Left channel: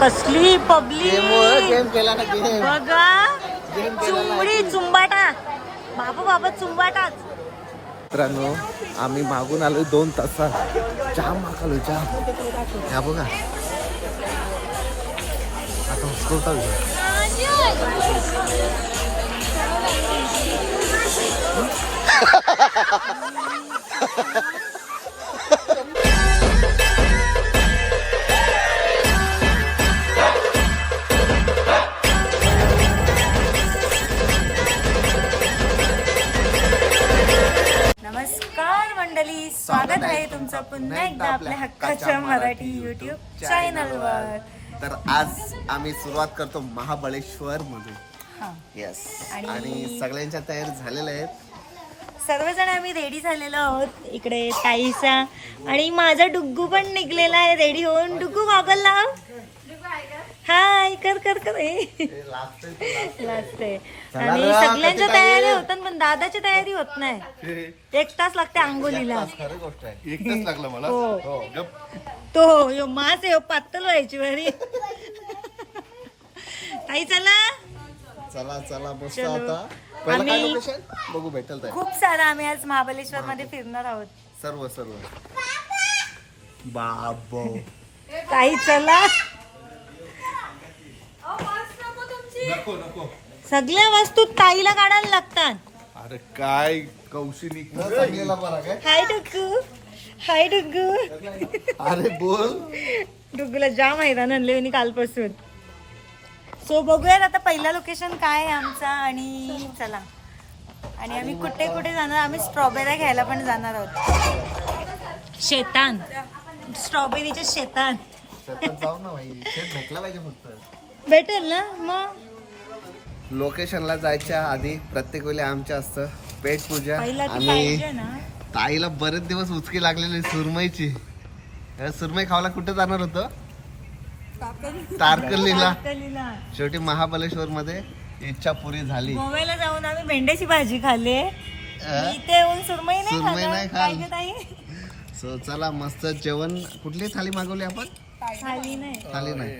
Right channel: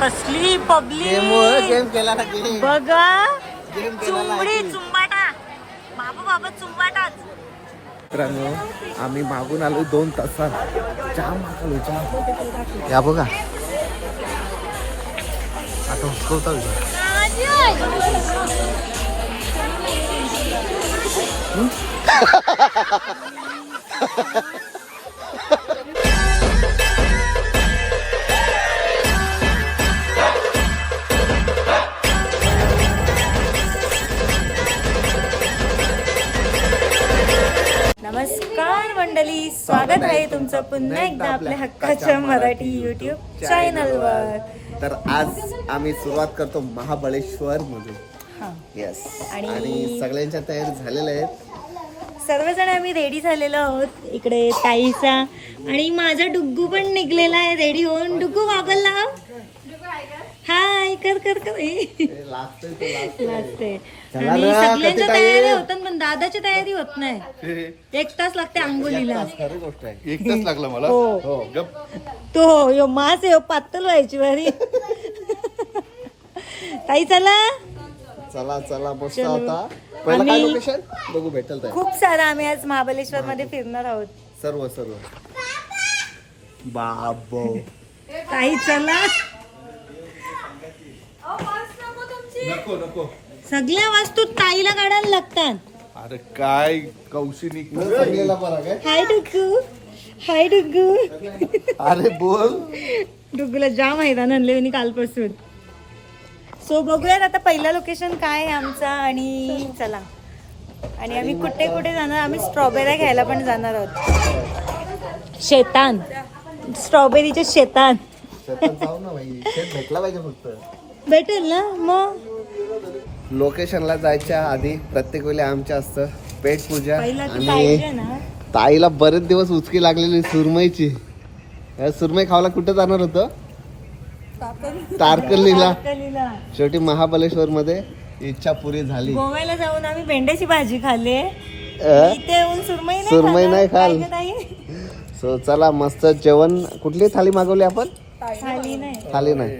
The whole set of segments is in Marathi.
कसली पब्लिक बघा, चुंबडी चुंबाटा, बाबा चुंबाटाच. मित्रांनो, आम्ही मागून आलो 2 तासात, जाम मागलो जाम. या बघा आता हुसकवता नमस्कार मंडळी, स्वागत आहे तुमचं पुन्हा एकदा आपल्या हक्काच्या मराठी YouTube चॅनलवर. तर आज आम्ही सुरुवात करतो महाबळेश्वर मधून. येस, आणि सगळ्यांच्या तयारी झालेल्या आहेत. सर्वजण आम्ही रेडी झालेलो आहोत. इकडे ताईचा आणि माझा डुग्गू पण निघलेला आहे रेडी होऊन. डुग्गू गॉगल लाव, हाय कर कर कर. लागते आणि सगळ्यांच्या तयारी होतात, पण दादाची तयारी होत नाही. 1 तास लागते आंघोळीला. 1 तास लागला मला. तो यो मास यो पातळ व्हायची बरी. ताई चला चला चला, बसतो आता. पहिला काय लोकेशन बघू भेटेल तर. खूप सारा आम्ही आज महाबळेश्वर मध्ये फिरणार आहोत. सर्व बाबो. ताई चला, नको सगळ्या वस्तू ताईला काढायला लागतात. अरे काय कौशिक हाय डुग्गू, हाय डुग्गू. अरे बोल. डुग्गूला जाम मैदान आणले मी कालपासून. सो बघूयात आता पहिला लोकेशन काय आहे आमचा. आणि चला, आणि आम्ही कुठे कुठे जाणार. आम्ही स्ट्रॉबेरी घ्यायला पण जाणार आहोत. शेतान, स्ट्रॉबेरीचे शेतान. जाऊ ना भाई, भेटला पाहिजे फक्त. भेटेल ना मग. लोकेशनला जायच्या आधी प्रत्येक वेळी आमच्या असतं पेट पूजा. पहिला ती आणि पाहिजे ना. ताईला बरेच दिवस उचकी लागलेली सुरमईची. सुरमई खावायला कुठे जाणार होतं? तारकर्लीला. शेवटी महाबळेश्वर मध्ये इच्छा पुरी झाली. गोव्याला जाऊन आम्ही भेंड्याची भाजी खाल्ली. इथे येऊन सुरमई नाही खाल. सो चला, मस्त जेवण. कुठली थाली मागवली आपण? थाली नाही,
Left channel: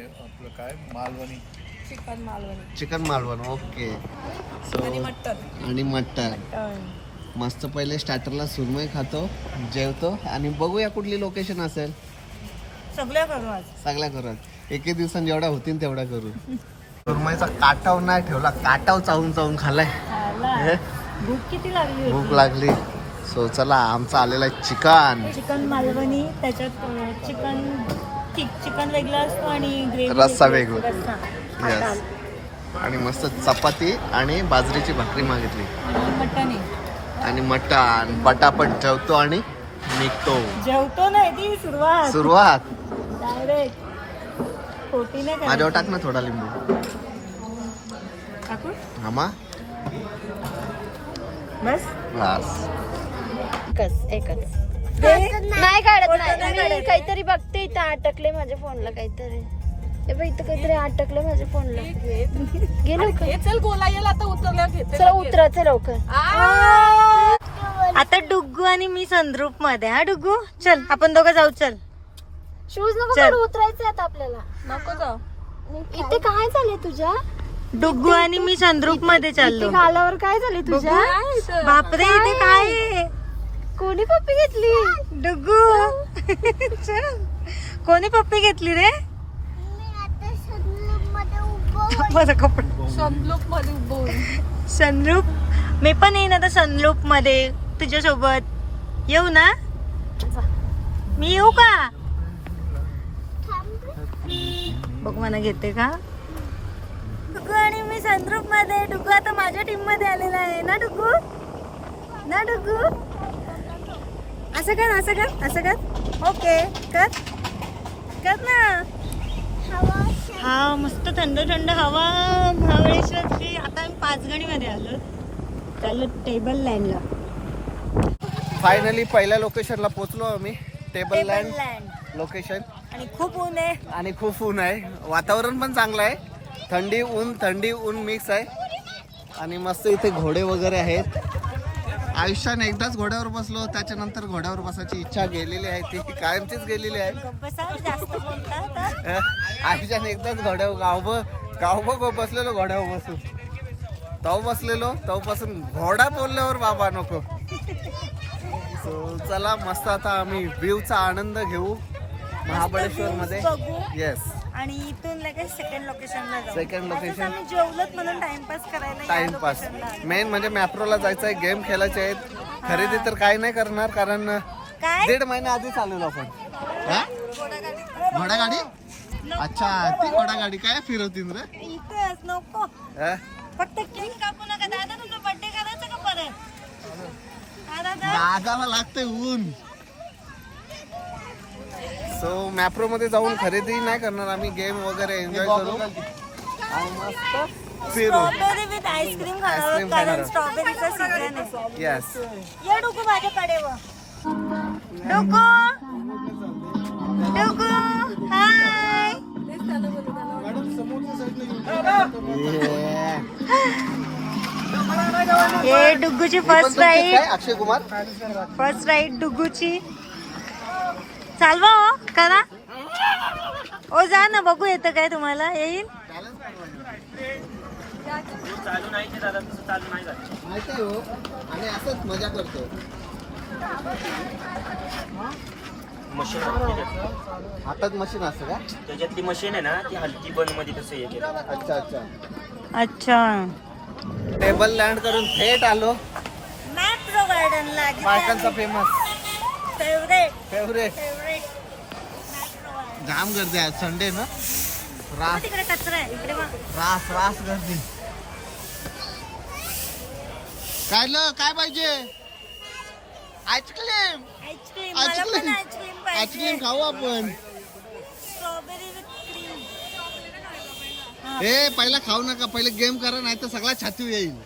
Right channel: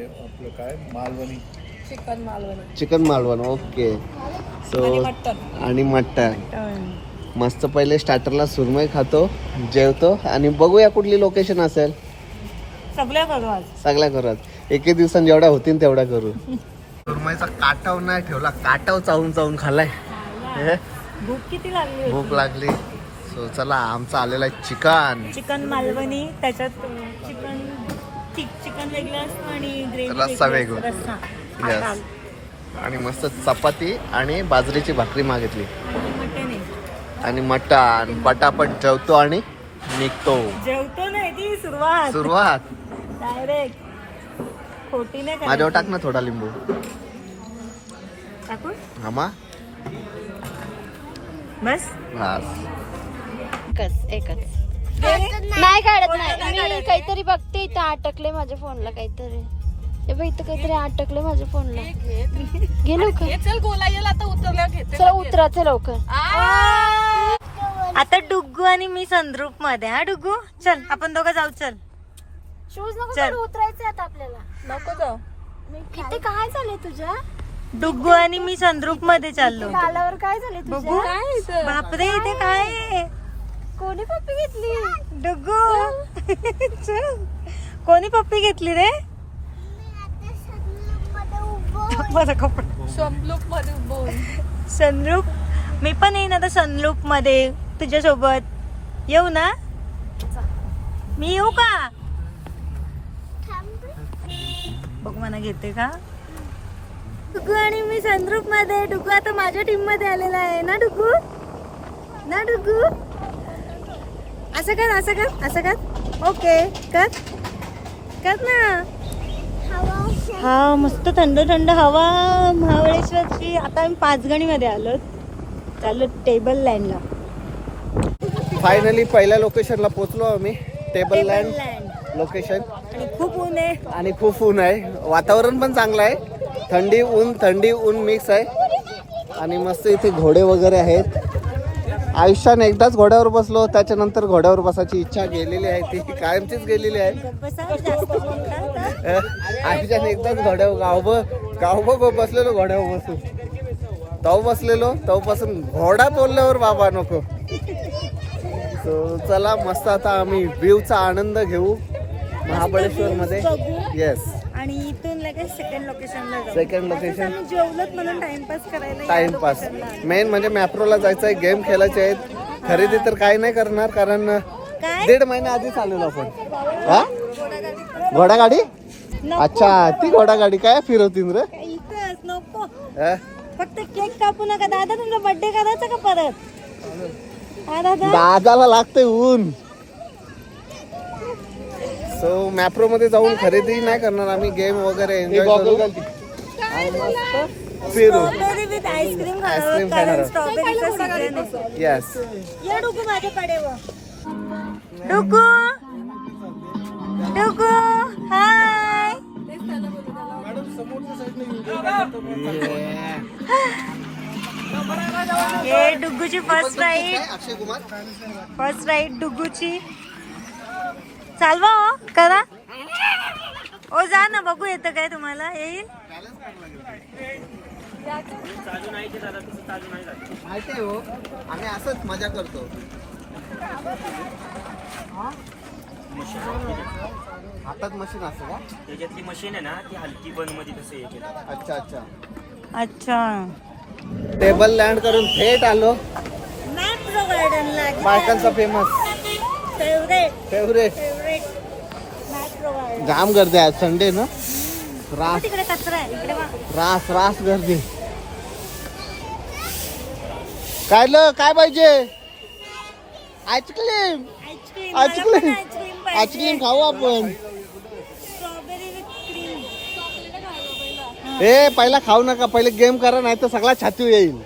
चिकन मालवणी. ओके. सो आणि मटन. मस्त पहिले स्टार्टरला सुरमई खातो, जेवतो, आणि बघूया कुठली लोकेशन असेल. सगळ्या करू आज. सगळ्या करू आज. 1 दिवसांत जेवढ्या होतील तेवढ्या करू. सुरमईचा काटाव नाही ठेवला, काटाव चावून चावून खाल्लाय. भूक लागली. सो चला, आमचा आलेला आहे चिकन मालवणी. त्याच्यात चिकन वेगळं असतं आणि रस्सा वेगळा. यस. आणि मस्त चपाती आणि बाजरीची भाकरी मागितली. आणि मटण. पटापट जेवतो आणि निघतो. जेवतो नाही, ती सुरुवात. खोटी नाही. माझ्यावर टाक ना थोडा लिंबू. टाकू हामा बस. नाही काढत. काहीतरी बघते इथं अटकले माझ्या फोनला. काहीतरी इथं काहीतरी अटकले माझ्या फोनला. घे लवकर. चल गोला येईल आता. उतरल्या घेते. चला उतरायचं लवकर. आता डुग्गू आणि मी संद्रूप मध्ये. हा डुग्गू, चल आपण दोघं जाऊ. चल शूज नको चल. काढू, उतरायचंय आता आपल्याला. नको जाऊ. इथे काय झालंय तुझ्या? डुग्गू आणि मी संद्रूप मध्ये चाललो. खालावर काय झालंय बघू. तुझ्या? बापरे, इथे काय आहे? कोणी पप्पी घेतली? डुग्गू चल. कोणी पप्पी घेतली रे? माझा कपडा. सनरूप. मी पण येईन आता सनरूप मध्ये तुझ्यासोबत. येऊ ना? मी येऊ का? बघ मला घेते का. डुग्गू आणि मी सनरूप मध्ये. डुग्गू आता माझ्या टीम मध्ये आलेला आहे ना डुग्गू. ना डुग्गू, असं कर, असं कर, असं कर. ओके, कर कर ना. हा, मस्त थंड थंड हवा महाबळेश्वरची. आता आम्ही 5 गणी मध्ये आलो. चाललो टेबल लँडला. फायनली पहिल्या लोकेशनला पोहोचलो आम्ही. Table land location. आणि खूप ऊन आहे. आणि खूप ऊन आहे. वातावरण पण चांगलं आहे. थंडी ऊन मिक्स आहे. आणि मस्त इथे घोडे वगैरे आहेत. आयुष्याने एकदाच घोड्यावर बसलो, त्याच्यानंतर घोड्यावर बसायची इच्छा गेलेली आहे, ती कायमचीच गेलेली आहे. जास्त बोलतात. आयुष्याने एकदाच घोड्यावर गावभर बसलेलो घोड्यावर बसून. तव बसलेलो तवपासून घोडा बोलल्यावर बाबा नको. सो चला मस्त आता आम्ही व्ह्यूचा आनंद घेऊ महाबळेश्वर मध्ये. येस. आणि इथून लगेच सेकंड लोकेशनला जाऊ. सेकंड लोकेशन आम्ही जेवलोत म्हणून टाइमपास करायला या टाइमपास. locationला आलो. मेन म्हणजे मॅप्रोला जायचं आहे, गेम खेळायचे आहेत. खरेदी तर काही नाही करणार कारण काय 1.5 महिना आधी चाललेलो आपण. हा घोडागाडी. अच्छा ती घोडागाडी काय फिरवतील रे. इथेच नको. हा? फक्त केक कापू नका. दादा तुमचा बर्थडे करायचा का परत? हा दादा. दादाला लागतंय ऊन. सो मॅप्रो मध्ये जाऊन खरेदी नाही करणार आम्ही, गेम वगैरे एन्जॉय करू आणि मस्त फिरू. स्ट्रॉबेरी विथ आईस्क्रीम आईस्क्रीम खाणार खाणार. स्ट्रॉबेरीचा सीझन आहे. येस. ये डुकू माझ्याकडे व डुकू डुकू हाय. ये डुगूची first ride. Akshay Kumar. First ride डुगूची. चालवा हो करा. ओ जा ना बघू येतं काय तुम्हाला. येईल माहिती आहे हो, आम्ही असंच मजा करतो. हातात मशीन असतं का? त्याच्यातली मशीन आहे ना ती हलकी बंद मध्ये कसं हे केलं. अच्छा अच्छा. अच्छा. टेबल लँड करून थेट आलो मॅप्रो गार्डनला. बायकांचा famous favourite favourite. Favourite Mapro garden. जाम गर्दी आहे संडे ना. रास तिकडे कचरा आहे इकडे वा. रास रास गर्दी. काय पाहिजे? Ice cream. Ice cream. Ice cream. Ice cream ice cream खाऊ आपण. Strawberry with cream. ए पहिला खाऊ नका, पहिले गेम करा नाही तर सगळा छाती येईल.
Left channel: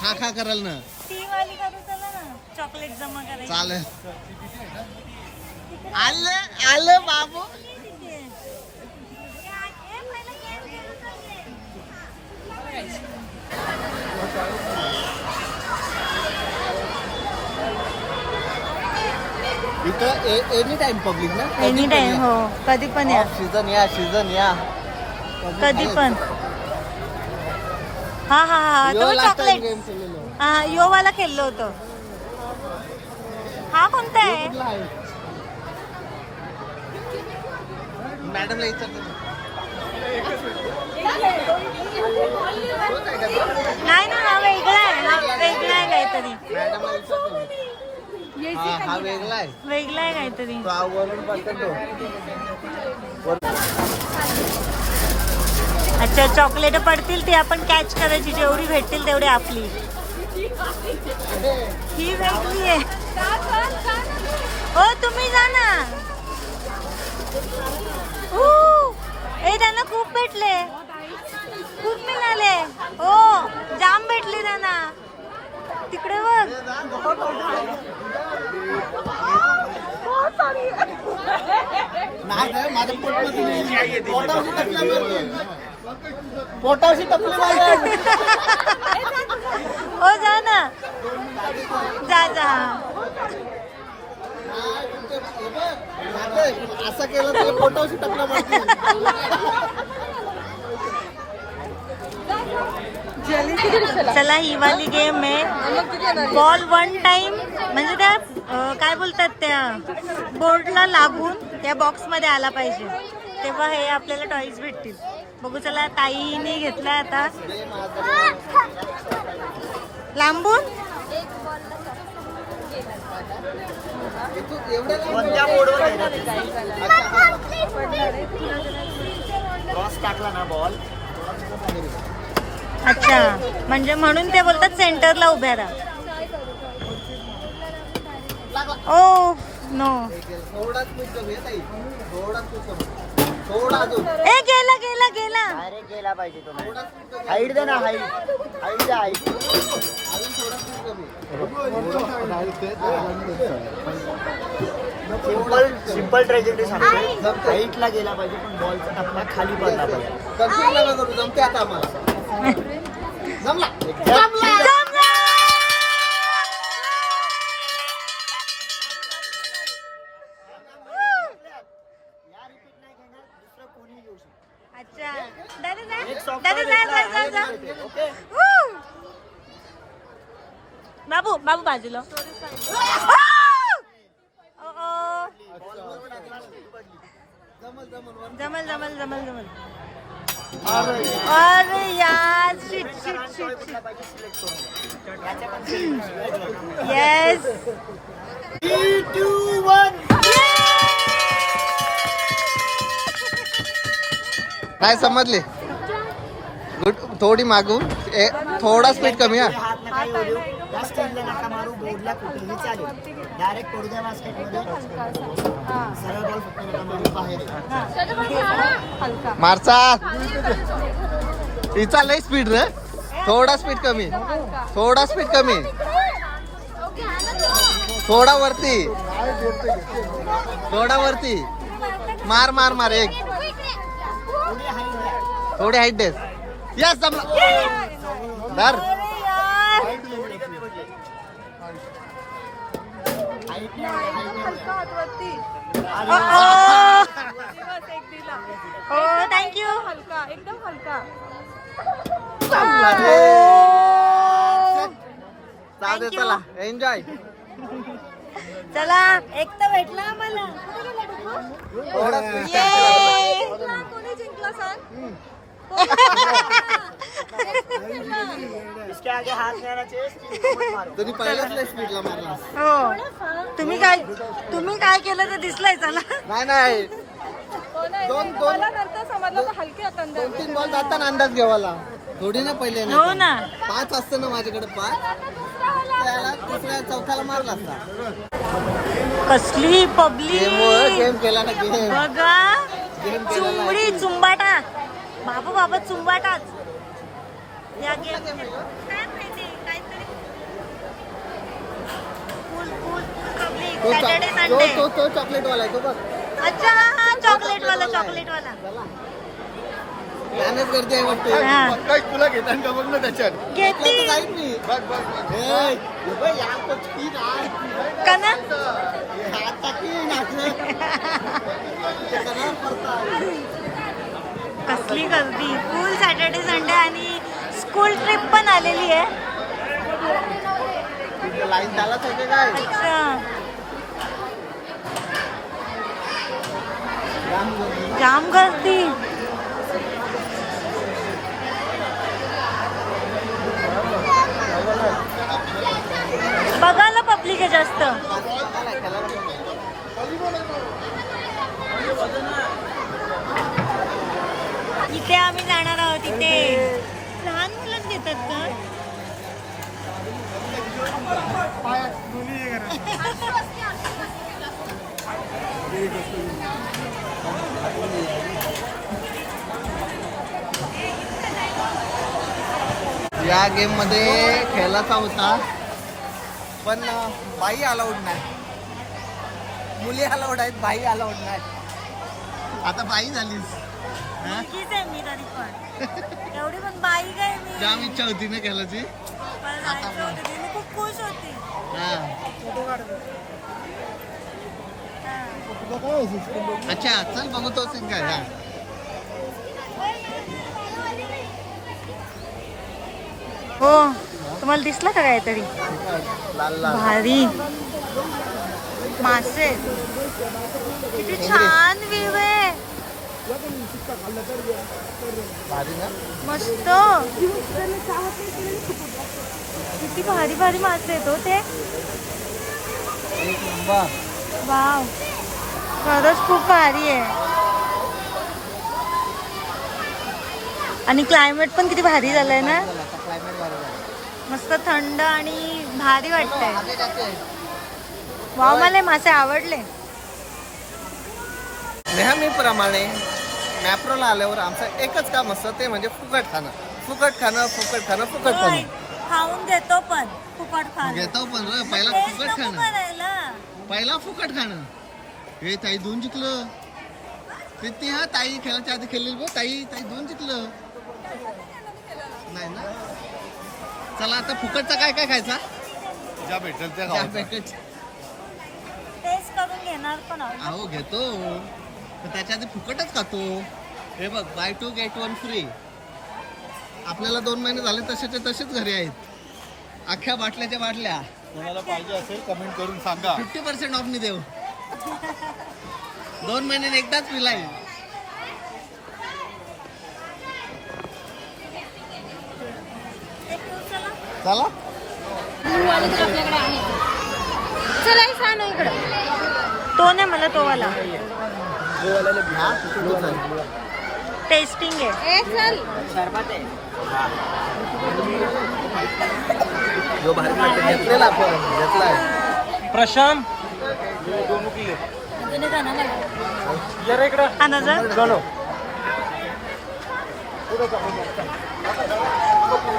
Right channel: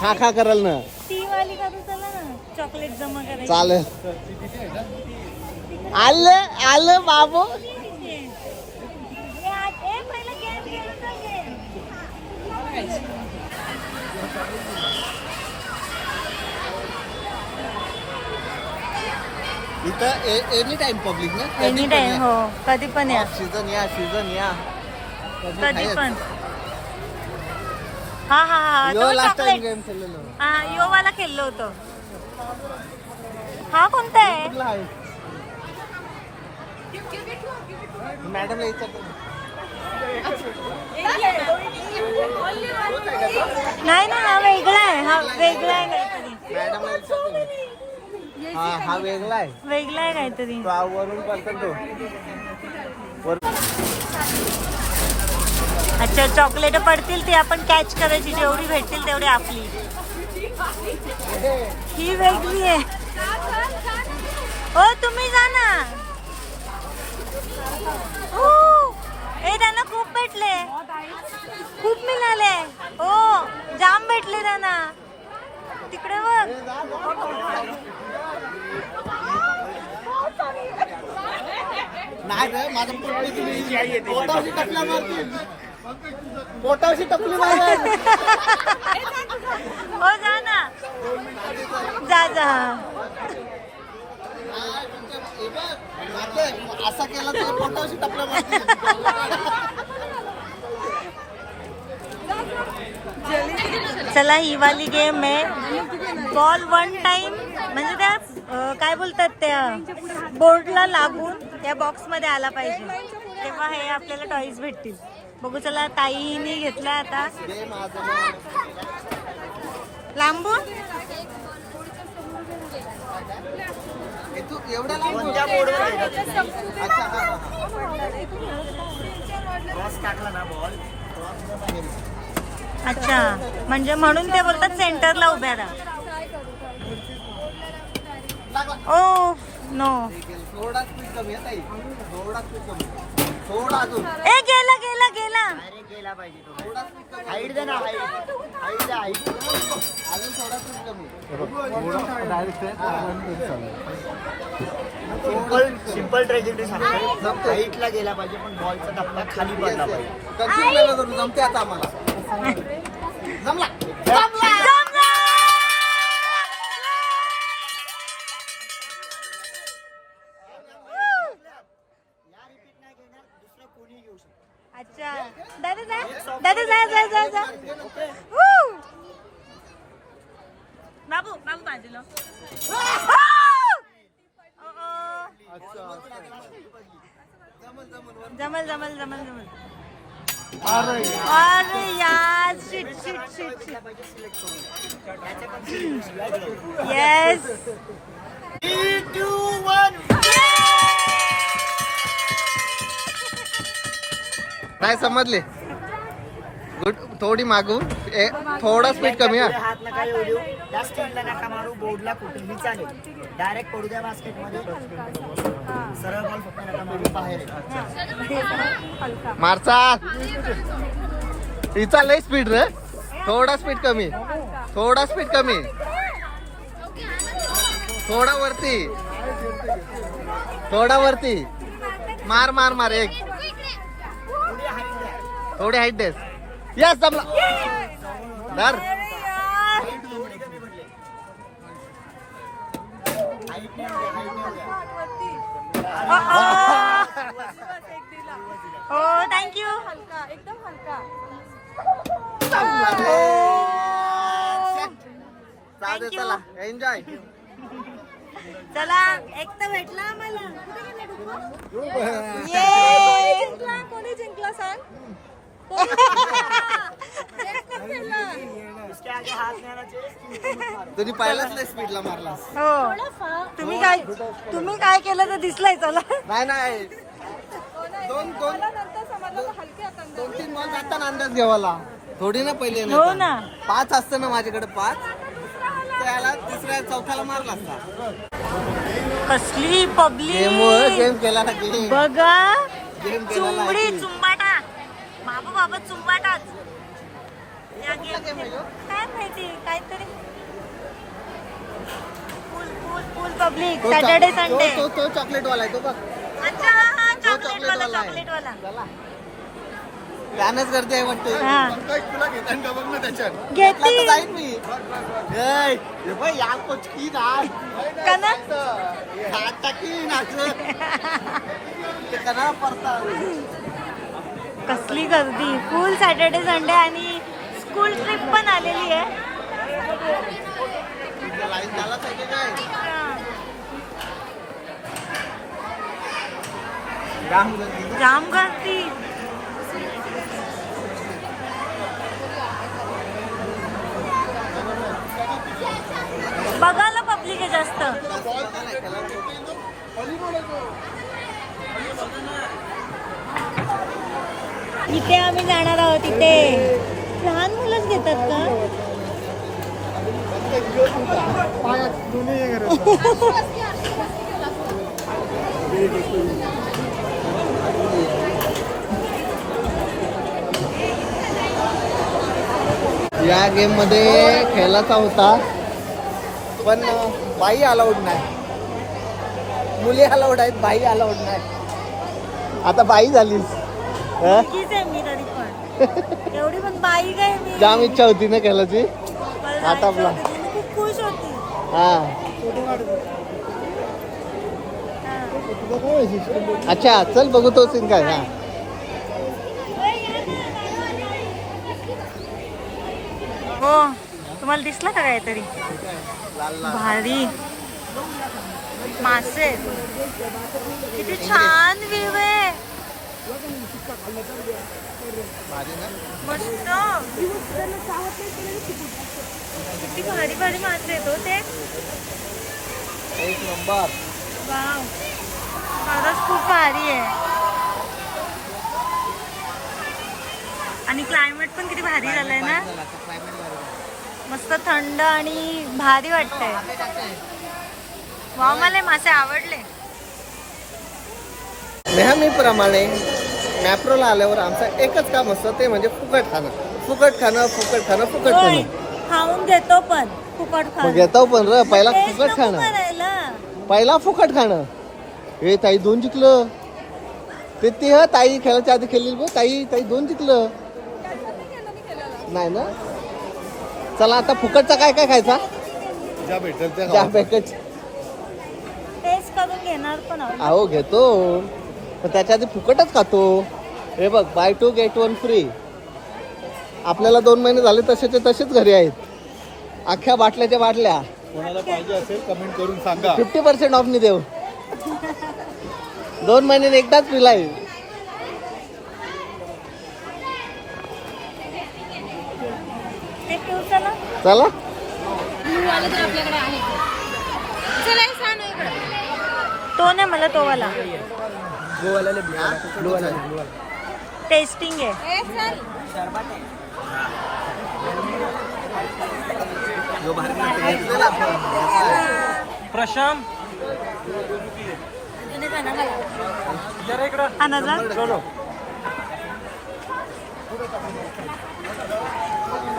खा कराल ना. ती वाली करू चला ना. चॉकलेट जमा करायची. चालेल. आलं बाबू. इथं एनी टाइम पब्लिक ना. Any time. हो कधी पण या. सीझन या कधी पण. हा तो चॉकलेट. गेम खेळलेलो. हा यो वाला खेळलो होतो. हा कोणता आहे? मॅडमला विचारतो. नाही ना हा वेगळा आहे. हा वेगळा आहे काहीतरी. हा वेगळा आहे. वेगळा आहे काहीतरी. अच्छा चॉकलेट पडतील ती आपण कॅच करायची. जेवढी भेटतील तेवढी आपली. ही वेगळी आहे. हो तुम्ही जा ना. ए त्यांना खूप भेटले. खूप मिळाले. हो जाम भेटले त्यांना. तिकडे बघ. नाही रे माझं पोटाशी टपली हो जा ना. जा. असा केला तर पोटाशी टपला मारते. चला ही वाली गेम आहे. बॉल वन टाइम म्हणजे त्या काय बोलतात त्या बोर्डला लागून त्या बॉक्स मध्ये आला पाहिजे तेव्हा हे आपल्याला टॉईज भेटतील. बघू चला. ताईने घेतला आता लांबून. अच्छा म्हणजे म्हणून ते बोलतात सेंटरला उभ्या राहा. Oh no. ए गेला. हाईट दे ना हाईट. सिंपल ट्रेजेक्टरी सांगतो. हाईटला गेला पाहिजे पण बॉलचा टप्पा खाली पडला पाहिजे. जमते आता आम्हाला. जमला. अच्छा दादा जा Woo! बाबू बाजूला जमल अरे यार शिट येस नाही समजले गुड थोडी मागून थोडा स्पीड कमी हा हात नका येऊ देऊ त्या स्टीलला नका मारू बोर्डला कुठेही चालेल डायरेक्ट पडू द्या बास्केट मध्ये सरळ बॉल फक्त नका मारू बाहेर मारचा हिचा लय स्पीड रे थोडा स्पीड कमी थोडा वरती मार एक थोडी हाईट देस यस जमला धर हो थँक्यू एकदम हलका. थँक्यू एन्जॉय चला एक तर भेटला आम्हाला कोणी जिंकला सांग. इसके आगे हाथ नहीं आना चाहिए तुम्ही पहिल्याच लय स्पीडला मारला हो तुम्ही काय केलं तर दिसलंय चला नाही दोन नंतर समजलं का हलकी आता अंदाज. 2-3 बॉल जाताना अंदाज घेऊ मला थोडी ना पहिले हो ना 5 असतं ना माझ्याकडे 5 त्याला तिसऱ्या चौथ्याला मारला असता कसली पब्लिक गेम केला ना गेम बघा चुंबडी चुंबाटा बाबा चुंबाटाच या गेम काय माहिती काहीतरी फुल पब्लिक सॅटर्डे संडे तो चॉकलेट वाला आहे तो बघ अच्छा हा चॉकलेट वाला त्यानंच गर्दी आहे वाटतं हा. तुला घेताना बघ ना त्याच्यात घेतली. घेतला तर जाईन मी हे बघ यार कुछ की राज का ना हात टाकी नाचत ते करा पडता कसली गर्दी फुल सॅटर्डे संडे आणि स्कूल ट्रिप पण आलेली आहे लाईन त्यालाच होते काय अच्छा राम जाम गर्दी बघायला पब्लिक आहे जास्त इथे आम्ही जाणार आहोत इथे लहान मुलंच घेतात का या गेम मध्ये खेळायचा होता पण बाई अलाउड नाही मुली अलाउड आहेत बाई अलाउड नाही आता बाई झालीस हं? मुलगीच आहे मी तरी पण एवढी पण बाई काय मी जाम इच्छा होती ना खेळायची मला आता जायचं आपला. होतं, ती खूप खुश होती हा हा. अच्छा चल बघू तो सीन काय हा हो तुम्हाला दिसलं का काहीतरी भारी मासे किती छान व्ह्यू आहे मस्त किती भारी भारी मासे आहेत हो ते वाव खरंच खूप भारी आहे आणि क्लायमेट पण किती भारी झालंय ना मस्त थंड आणि भारी वाटतंय वाव मला हे मासे आवडले नेहमीप्रमाणे मॅप्रोला आल्यावर आमचं एकच काम असतं ते म्हणजे फुकट खाणं खाऊन घेतो पण फुकट खाणं घेतो पण र पहिला तेच फुकट नको खाणं करायला. पहिला फुकट खाणं हे ताई 2 जिंकलं ते ह ताई खेळायच्या आधी खेळलेली बघ ताई 2 जिंकलं नाही ना चला आता फुकटचा काय काय खायचा ज्या भेटेल ते त्या पॅकेज टेस्ट करून घेणार पण आहोत. अहो घेतो तर त्याच्या आधी फुकटच खातो. हे बघ बाय 2 get 1 फ्री. आपल्याला 2 महिने झाले तसेचे तसेच घरी आहेत. अख्ख्या बाटल्याच्या बाटल्या कोणाला पाहिजे असेल कमेंट करून सांगा. 50% ऑफनी देऊ. 2 महिन्याने एकदाच पिलाय. ते ठेवू चला. चला वाले तर आपल्याकडे आहे. चला एक सांग इकडे. तो नाही मला तो वाला टेस्टिंग आहे. ए चल. प्रशांत अजून एक आणा मला. आणा जा.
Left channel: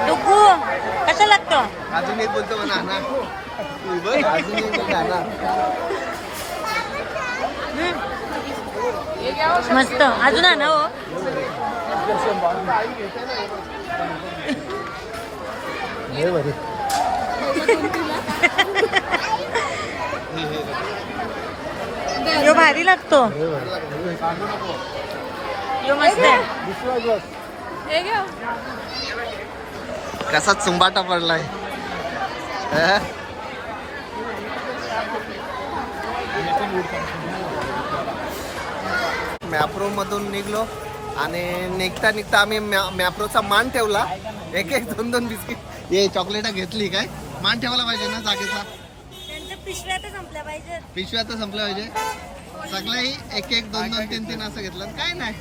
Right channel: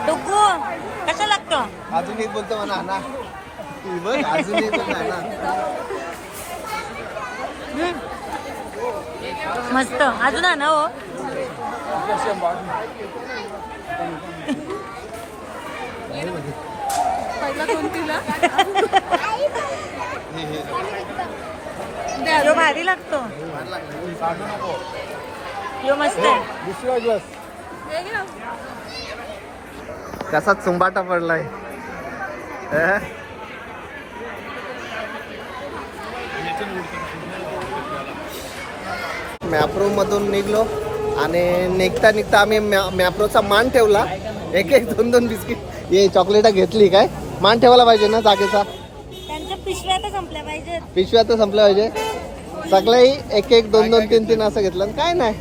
डुग्गू कसा लागतो? अजून एक बोलतो म्हणा ना. अजून एक बोलतो ना. मस्त. अजून आणा हो. यो भारी लागतो. यो मस्त आहे. हे घ्या. कसा चुंबाटा पडलाय. मॅप्रो मधून निघलो आणि निघता निघता आम्ही मॅप्रोचा मान ठेवला. एक 2 बिस्किट हे चॉकलेट घेतली. काय मान ठेवायला पाहिजे ना जागेचा. त्यांच्या पिशव्या तर संपल्या पाहिजेत. पिशव्या तर संपल्या पाहिजे. सगळंही 1 2 3 असं घेतलं आणि काय नाही.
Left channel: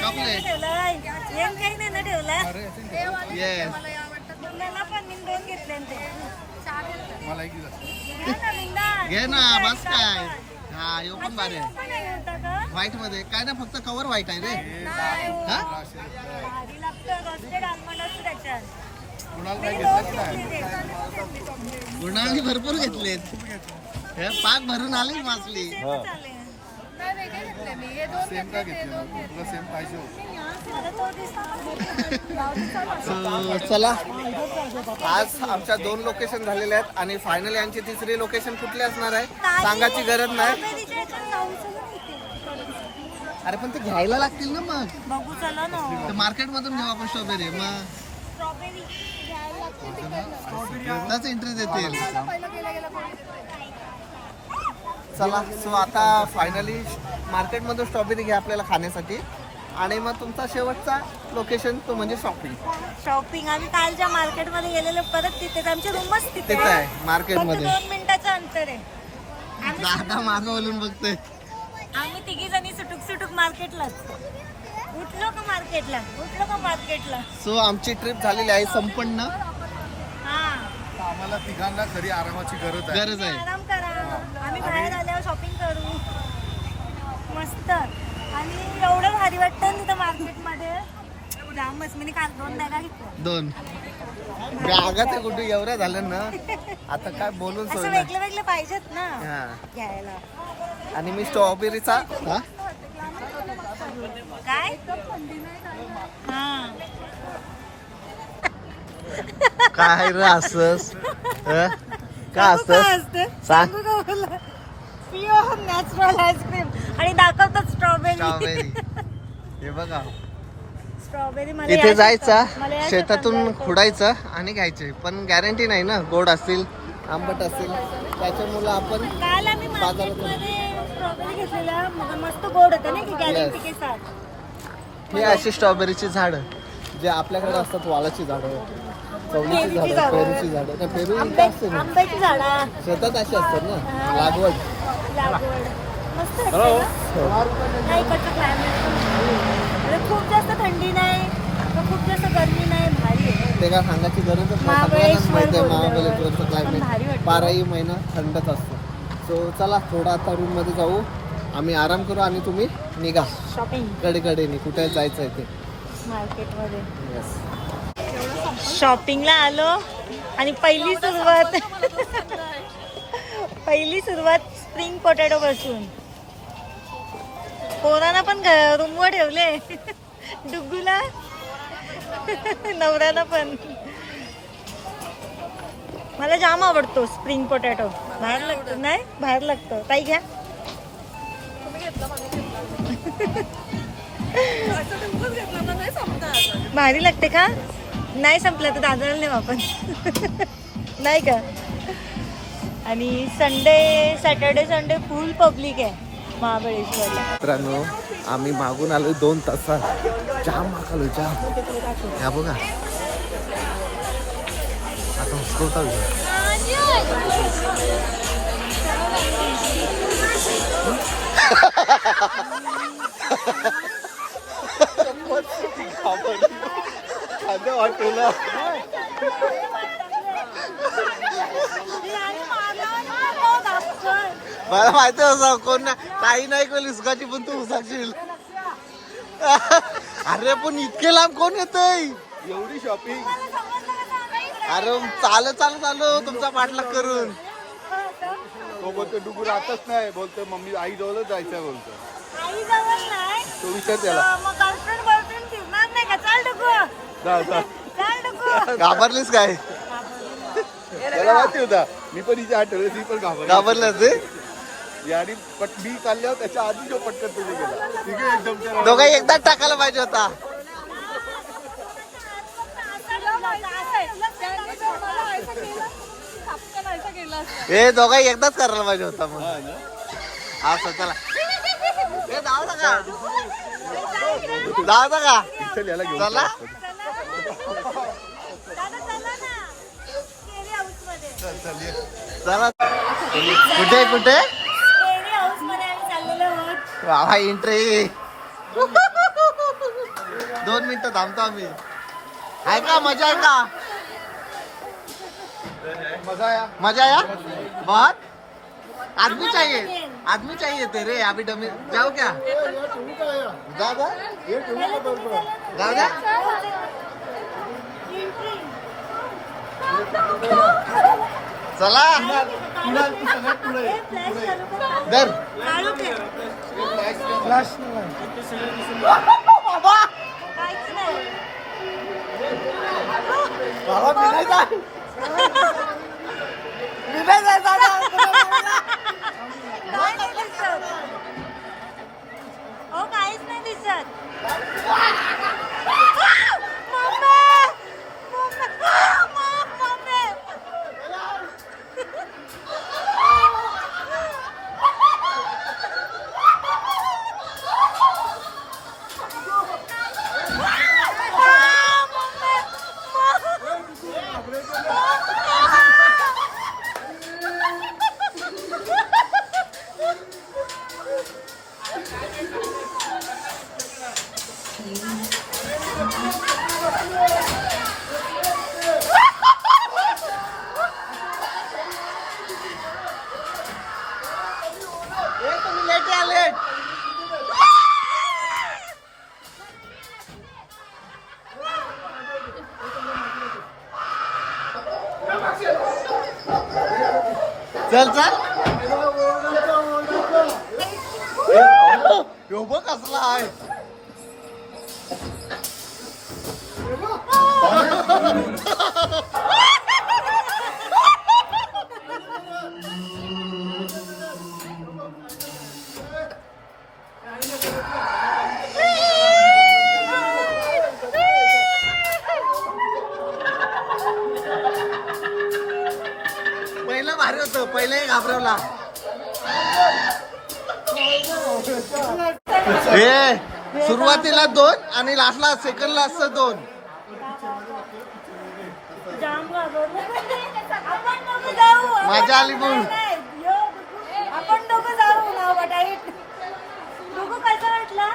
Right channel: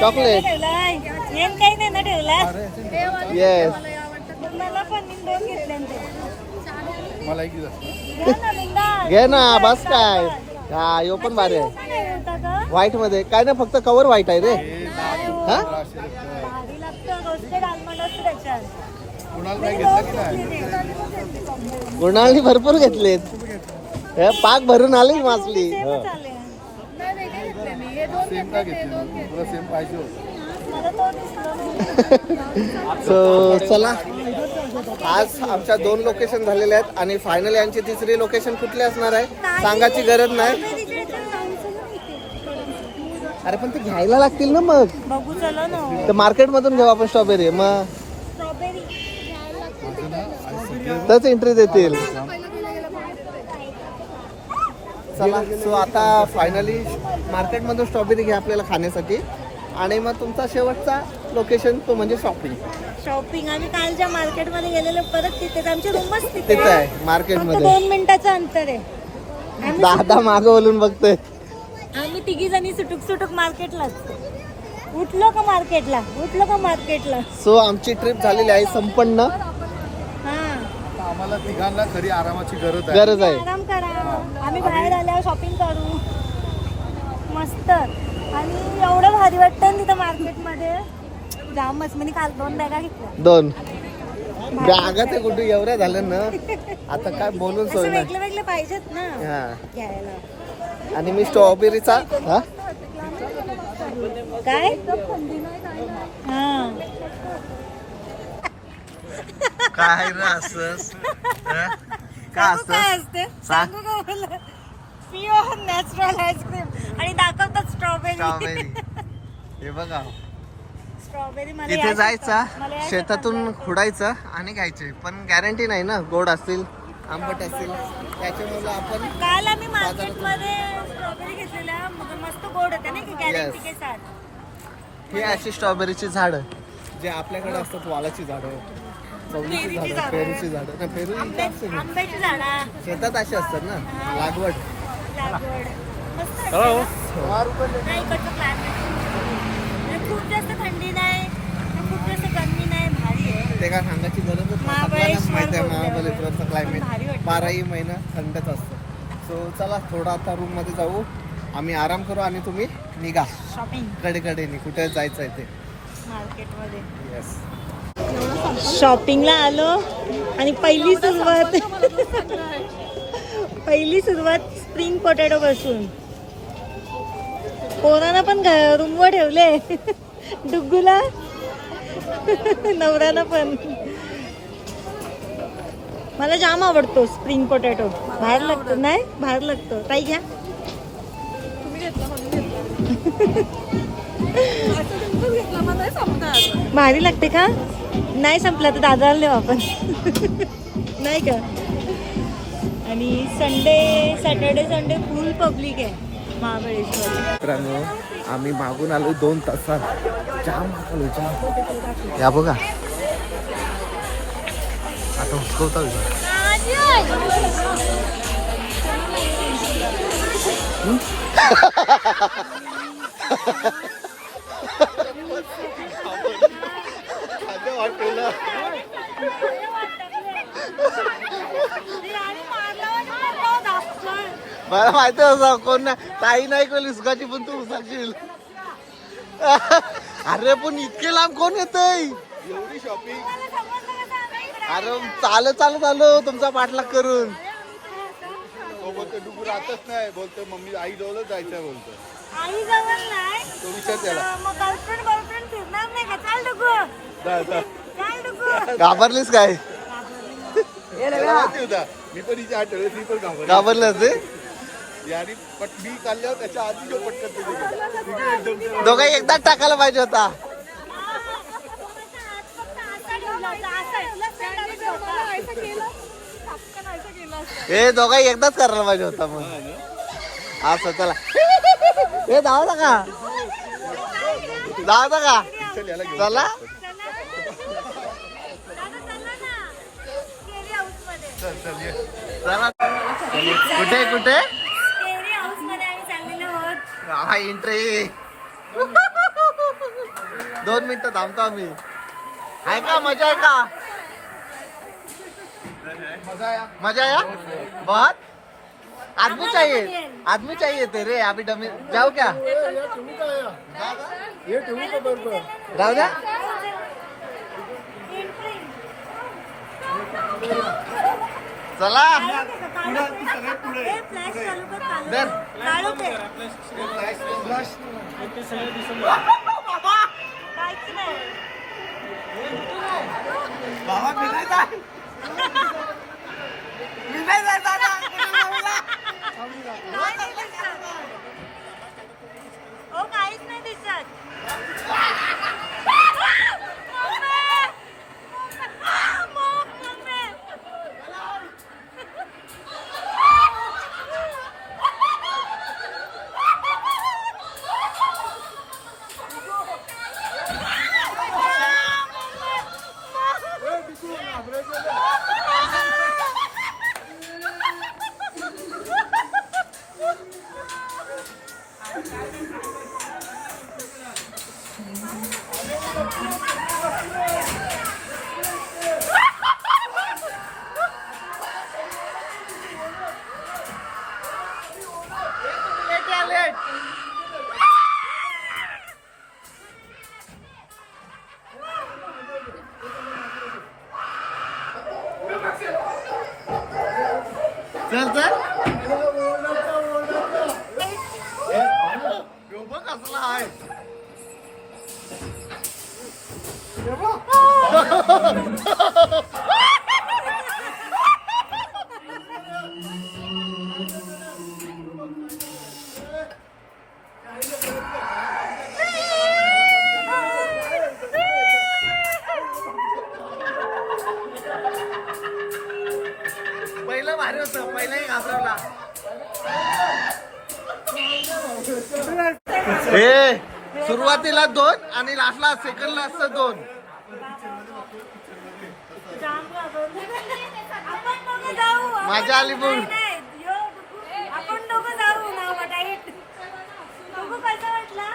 चॉकलेट काही नाही ना ठेवला. येस. मला पण मी 2 घेतले ते. मला एक घ्या ना बिंदास. घे ना बस काय. हा यो पण भारी आहे. पण आहे होता का? व्हाईट मध्ये काय ना फक्त कवर व्हाईट आहे रे. हा भारी लागतं. रोस्टेड आल्मंड असतं त्याच्यात. कुणाला काय घेतलं की नाही? गुणाळनी भरपूर घेतलेत. हे पाक भरून आली मासली. चालेल. नाही वेगळे घेतले मी. हे 2 सेम का घेतले ते घेतलं 2 घेतले. तुला सेम पाहिजे होतं. मला तो दिसला. सो चला आज आमच्या 2 लोकेशन झालेले आहेत आणि फायनली यांची 3री लोकेशन कुठली असणार आहे सांगायची गरज नाही. अरे पण ते घ्यायला लागतील ना मग. बघू चला ना. तर मार्केट मधून घेऊ आपण स्ट्रॉबेरी. मग स्ट्रॉबेरी तच एंट्री देतील. चला सो आता फायनली मार्केट मधून स्ट्रॉबेरी घ्या आपल्याला खाण्यासाठी आणि मग तुमचा शेवटचा लोकेशन तो म्हणजे शॉपिंग. शॉपिंग आम्ही कालच्या मार्केटमध्ये गेलेलो परत तिथेच. आमची रूमच तिथे आहे मार्केट फक्त मध्ये. 2 मिनिटाचं अंतर आहे. दादा मागं बोलून बघतोय. आम्ही 3 जणी सुटुक सुटुक मार्केटलाच. उठलो का मार्केटला. सो आमची ट्रिप झालेली आहे संपन्न. हा आम्हाला तिघांना खरी आरामाची गरज आहे. आराम करा. आम्ही बाहेर आल्यावर शॉपिंग करू मस्त. आणि एवढं भारी वाटतं तिथं मार्केटमध्ये. जामच. मी काल 2 बॅगा घेतल्या. 2 बॅगा ते कुठे एवढ्या झाल्या ना आता काय बोलून सोय असं नाही. वेगळे वेगळे पाहिजेत ना हा घ्यायला. आणि मी स्ट्रॉबेरीचा हा काय हा काय रे असंच काय असतं सांग. प्युअर नॅचरल आईस्क्रीम आणि दाखवतात स्ट्रॉबेरी. स्ट्रॉबेरी हे बघा. स्ट्रॉबेरी इथे जायचा शेतातून खुडायचं आणि घ्यायचे पण गॅरंटी नाही ना गोड असतील आंबट असतील त्याच्यामुळे आपण काल आम्ही मार्केटमध्ये स्ट्रॉबेरी घेतलेल्या मस्त गोड होते ना की गॅरंटी के साथ. हे अशी स्ट्रॉबेरीची झाडं जे आपल्याकडे असतात वालाची झाडं चवळीची झाडं पेरूची झाडं ना पेरू इथे असते ना आंब्याची झाडा शेतात अशी असतात ना लागवड. मस्त असते ना. नाही इकडचं क्लायमेट पण म्हणजे खूप जास्त थंडी नाही तर खूप जास्त गरमी नाही. भारी आहे. ते काय सांगायची गरजच नाही सगळ्यांनाच माहिती आहे महाबळेश्वरचं क्लायमेट 12ही महिना थंडच असतं. सो चला थोडा आता रूम मध्ये जाऊ आम्ही आराम करू आणि तुम्ही निघा शॉपिंग कडेकडेने कुठे जायचं आहे ते. मार्केटमध्ये येस शॉपिंगला आलो आणि पहिली सुरुवात स्प्रिंग पोटॅटो पासून. पोरांना पण रूमवर ठेवले डुग्गूला नवऱ्याला पण. मला जाम आवडतो स्प्रिंग पोटॅटो. बाहेर लागतो नाही, बाहेर लागतो. ताई घ्या. भारी लागते का? नाही संपला तर दादाला नेऊ आपण. नाही का? आणि सॅटर्डे संडे फुल पब्लिक आहे महाबळेश्वरला. मित्रांनो आम्ही मागून आलो 2 तासात. जाम मागलो जाम. या बघा आता हुसकवता मला माहिती होतं कोण नाही. ताई नाही कोण उसकाची पण तू उसाशील. अरे पण इतके लांब कोण येतय? एवढी शॉपिंग. अरे चालत आलो तुमचा पाठलाग करून. तो बोलतो डुगू राहतच नाही, बोलतो मम्मी आई जवळच जायचंय बोलतो. आई जवळ नाही तो विचार त्याला मग गर्लफ्रेंड बॉयफ्रेंड फिरणार नाही का? चाल डुगू, जाऊ जा. चाल डुगू. घाबरलीस काय? मला माहिती होता, मी पण हिच्या आठवले, ती पण घाबरलास ते? आणि मी काढल्यावर त्याच्या आधी जो पटकन तिथे गेला. तिघे एकदम त्याला- दोघं एकदाच टाकायला पाहिजे होता. हे दोघं एकदाच करायला पाहिजे होता मग. असं चला. हे जाऊ नका का? चल याला घेऊन. चला चला. कुठे कुठे हा एंट्री. 2 मिनिटं थांबतो आम्ही. आहे का? मजा आहे का? मजा आया बहुत. आदमी चाहिए तेरे. अभी डमी जाओ क्या? जाओ का? जाओ क्या? चला दर. बाबा मी नाही का? नाही दिसत. हो काहीच नाही दिसत. चल चल. यो बघ कसला आहे. पहिलं भारी होतं. पहिलंही घाबरवला. हे सुरुवातीला 2 आणि लास्टला सेकंडला असतं 2. मजा आली पण. आपण दोघं जाऊ ना वाटाईट. डुगू कसा वाटला?